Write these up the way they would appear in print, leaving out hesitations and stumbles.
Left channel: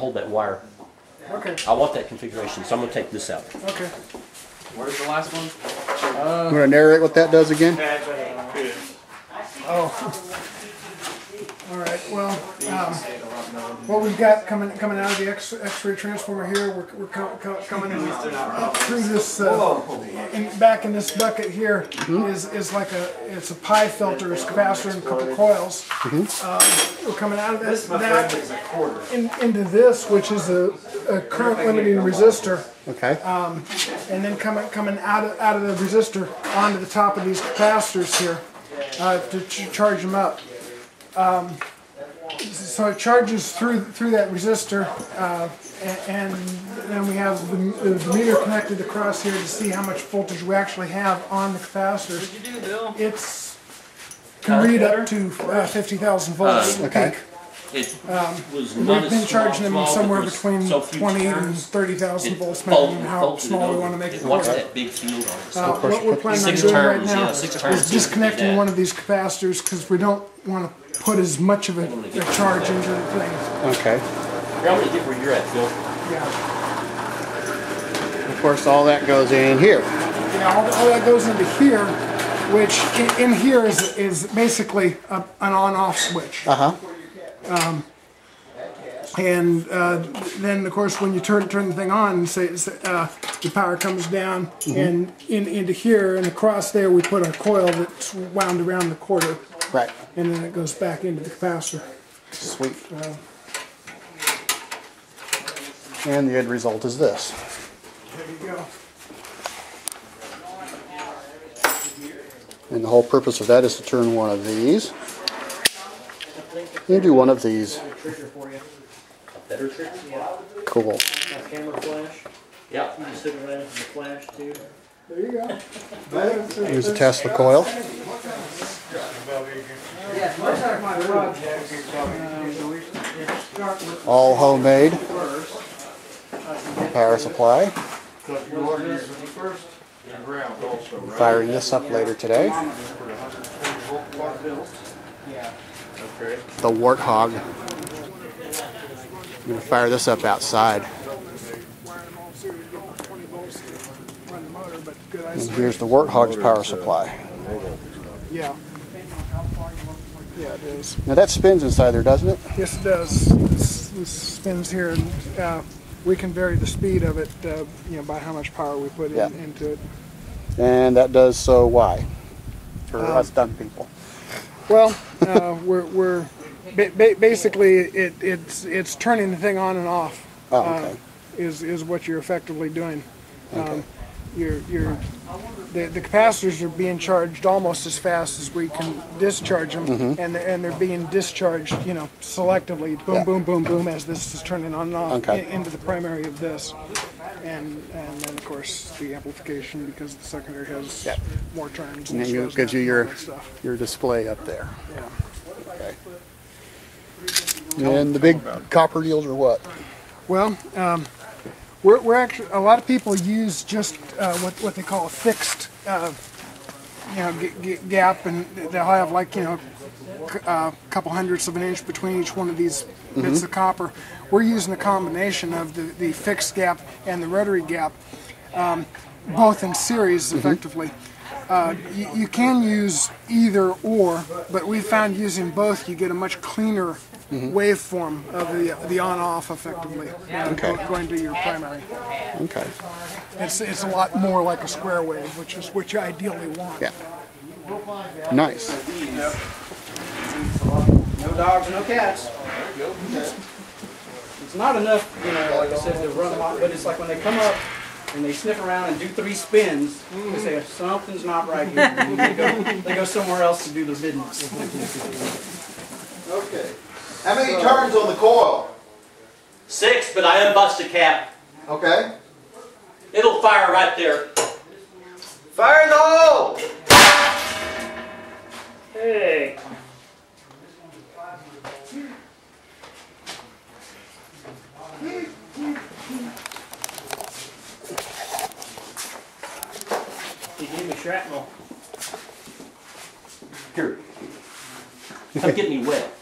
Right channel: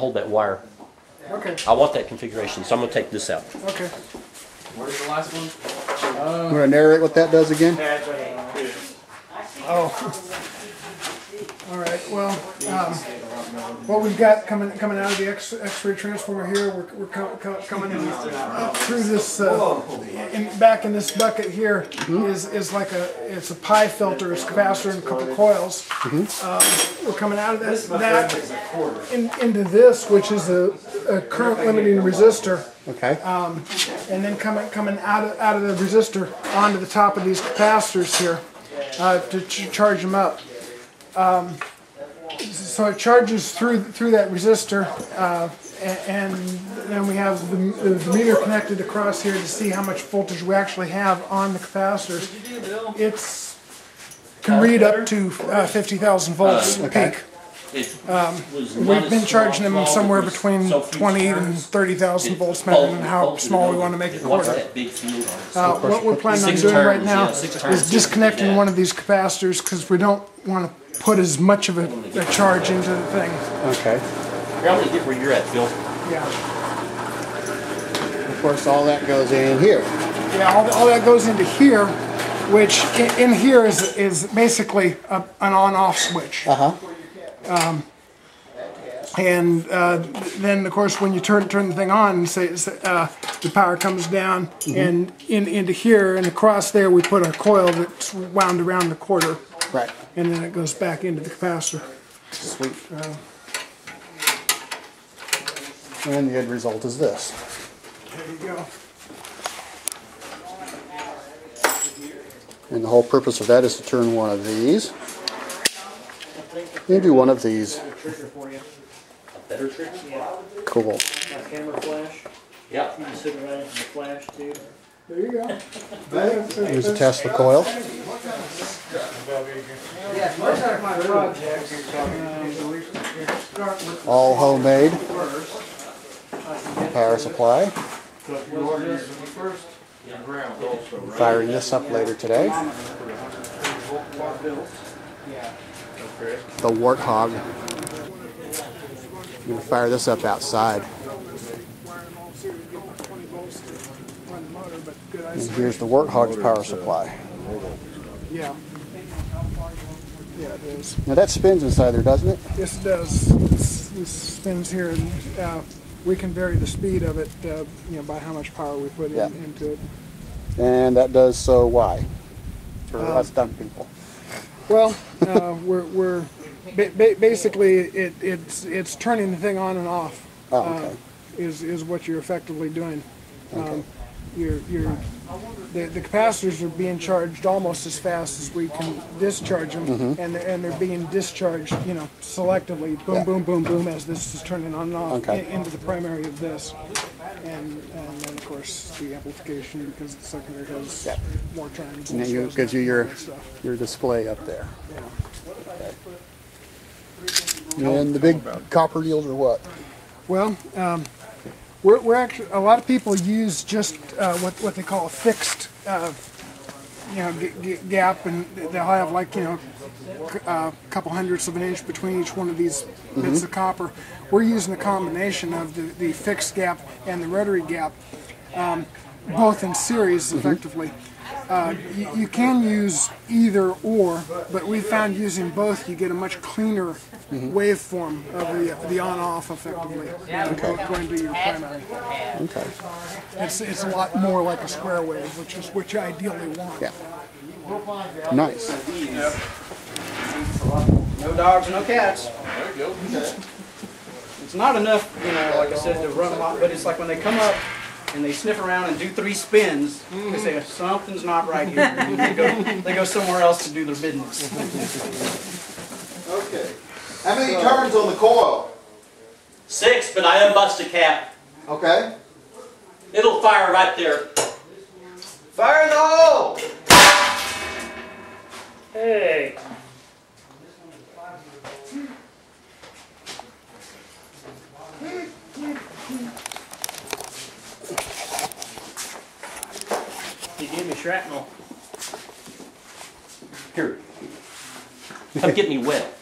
hold that wire. Okay. I want that configuration, so I'm going to take this out. Okay. Where's the last one? You want to narrate what that does again? Oh. All right. Well, what we've got coming out of the X-ray transformer here, we're coming in up through this back in this bucket here is like it's a pie filter, it's a capacitor and a couple coils. We're coming out of that into this, which is a current limiting resistor. Okay. And then coming out of the resistor onto the top of these capacitors here to charge them up. So it charges through that resistor, and then we have the meter connected across here to see how much voltage we actually have on the capacitors. It's can read up to 50,000 volts peak. We've been charging them somewhere between 20 and 30,000 volts, depending on how small we want to make it. What we're planning on doing right now is disconnecting one of these capacitors because we don't want to put as much of a charge into the thing. Okay. Here, I'm going to get where you're at, Phil. Yeah. Of course, all that goes in here. Yeah, all that goes into here, which in here is basically an on-off switch. And then, of course, when you turn the thing on, say the power comes down, and into here and across there, we put a coil that's wound around the quarter. Right. And then it goes back into the capacitor. Sweet. And the end result is this. There you go. And the whole purpose of that is to turn one of these into one of these. Better trick? Yeah. Cool. A camera flash. Yeah. You can sit right into the flash too. There you go. Here's a Tesla coil. Yeah, most of my projects All homemade. Power supply. Firing this up later today. The Warthog. I'm going to fire this up outside. And here's the Warthog's power supply. Yeah. Yeah, it is. Now that spins inside there, doesn't it? Yes, it does. This spins here, and we can vary the speed of it, by how much power we put into it. And that does so why? For us dumb people. Well, we're basically it's turning the thing on and off. Oh, okay. Is what you're effectively doing. Okay. The capacitors are being charged almost as fast as we can discharge them, and they're being discharged, selectively, boom, boom, boom, boom, as this is turning on and off into the primary of this, and then of course the amplification because the secondary has more turns. And then it gives you your display up there. Yeah. Okay. And the big copper deals are what? Well, we're actually, a lot of people use just what they call a fixed gap, and they'll have like a couple hundredths of an inch between each one of these bits of copper. We're using a combination of the fixed gap and the rotary gap, both in series effectively. You can use either or, but we found using both you get a much cleaner waveform of the on-off effectively going to your primary. Okay. It's a lot more like a square wave, which is what you ideally want. Yeah. Nice. No dogs, no cats. It's not enough, like I said, to run them off, but it's like when they come up and they sniff around and do 3 spins, they say something's not right here. And they go somewhere else to do their business. Okay. How many turns on the coil? 6, but I unbust the cap. Okay. It'll fire right there. Fire in the hole! Hey. You gave me shrapnel. Here. Come get me wet.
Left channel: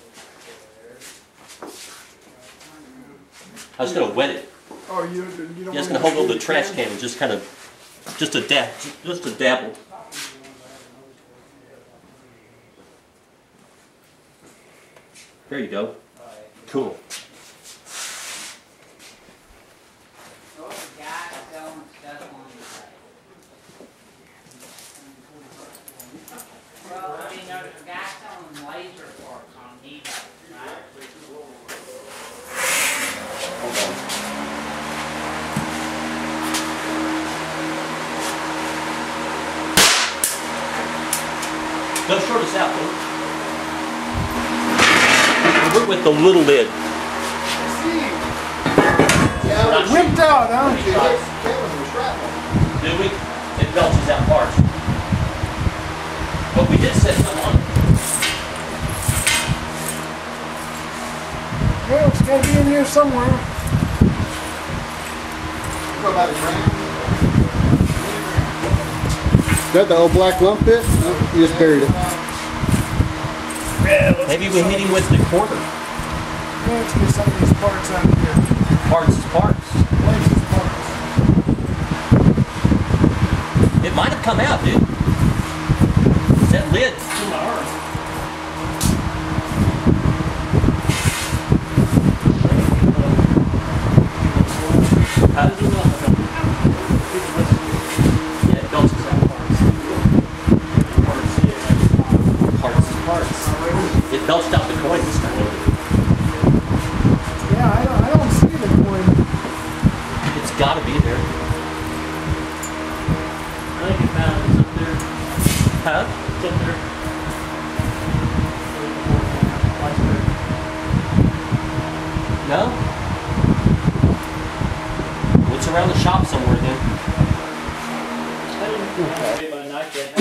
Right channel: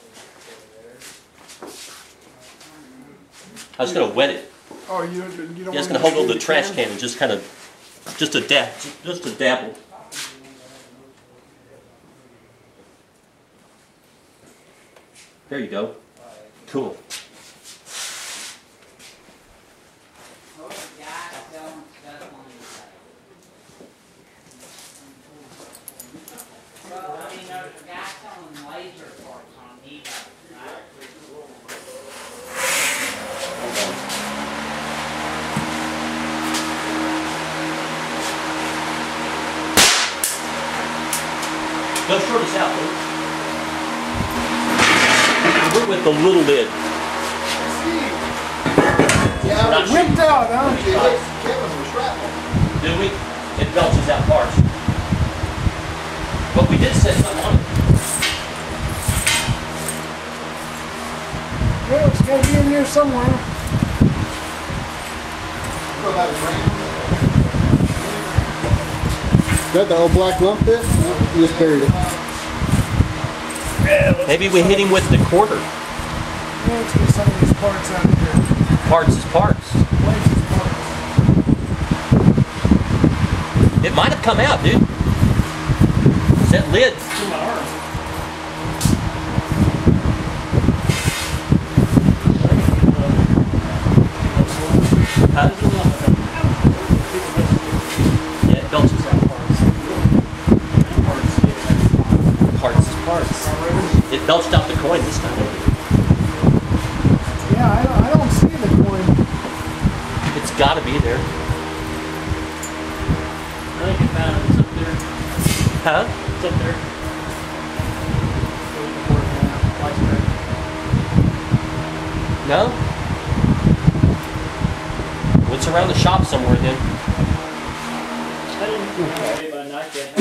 I was gonna wet it. Oh, you don't. Yeah, I was gonna hold on to the trash can and just kind of, just a dabble. There you go. Cool. Well, I mean, there's a guy selling laser parts on eBay, right? Don't short us out, though. We're with the little lid. Yeah, Whipped out, huh? it hits Kevin with shrapnel. Do we? It belches out parts. But we did set something on it. Well, it's got to be in here somewhere. What about a brand? Is that the old black lump bit? No, you just buried it. Maybe we hit him with the quarter. Let's get some of these parts out of here. Parts is parts. Places parts. It might have come out, dude. That lid. To my arm. How does it look? Yeah, it belches out parts. Parts is parts. It belched out the coin this time. Yeah, I don't see the coin. It's got to be there. I think it found it. It's up there. Huh? It's up there. No? Well, it's around the shop somewhere then. I didn't get my knife yet.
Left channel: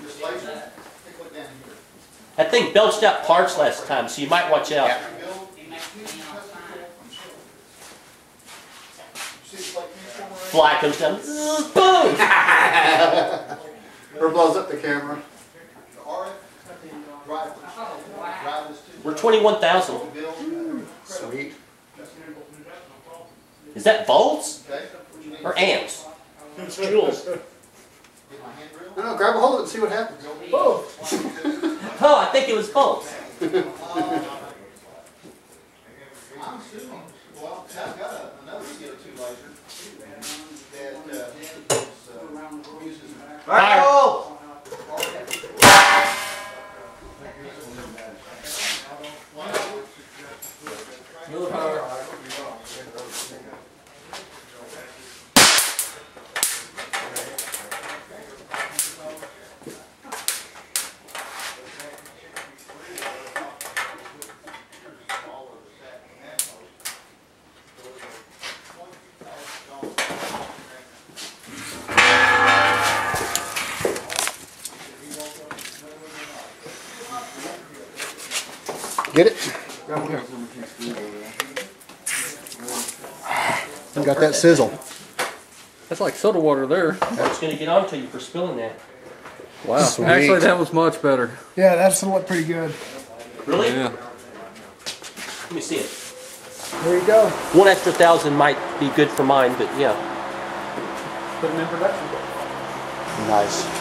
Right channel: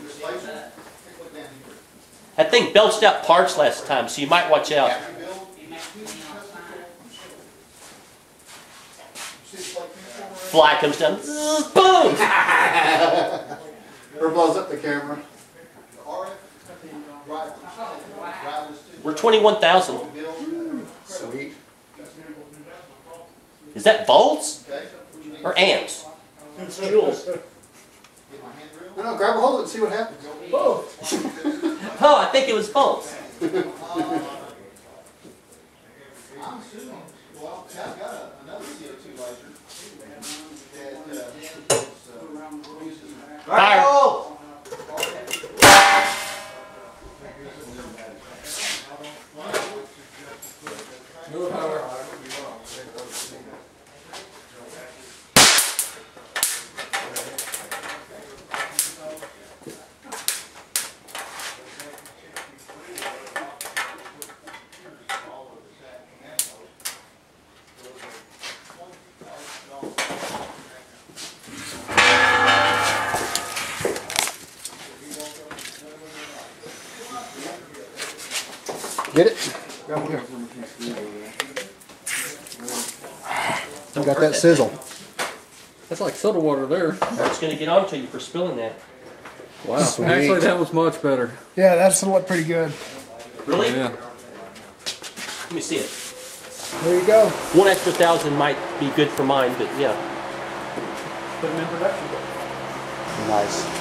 This laser? Take a look down here. That thing belched out parts last time, so you might watch out. After build, you see it's like this Fly comes down. Boom! Or blows up the camera. the RF drivers too. We're 21,000. Build. Sweet. Is that volts Okay. What you need? or amps? It's jewels. Get my hand drill. No, grab a hold of it and see what happens. Oh, I think it was volts. I'm assuming, well, I've got another CO2 laser that uses Fire! Get it? Grab here. You got that sizzle. That's like soda water there. I was going to get onto you for spilling that. Wow. Sweet. Actually, that was much better. Yeah, that's look pretty good. Really? Yeah. Let me see it. There you go. One extra 1,000 might be good for mine, but yeah. Put them in production. Nice.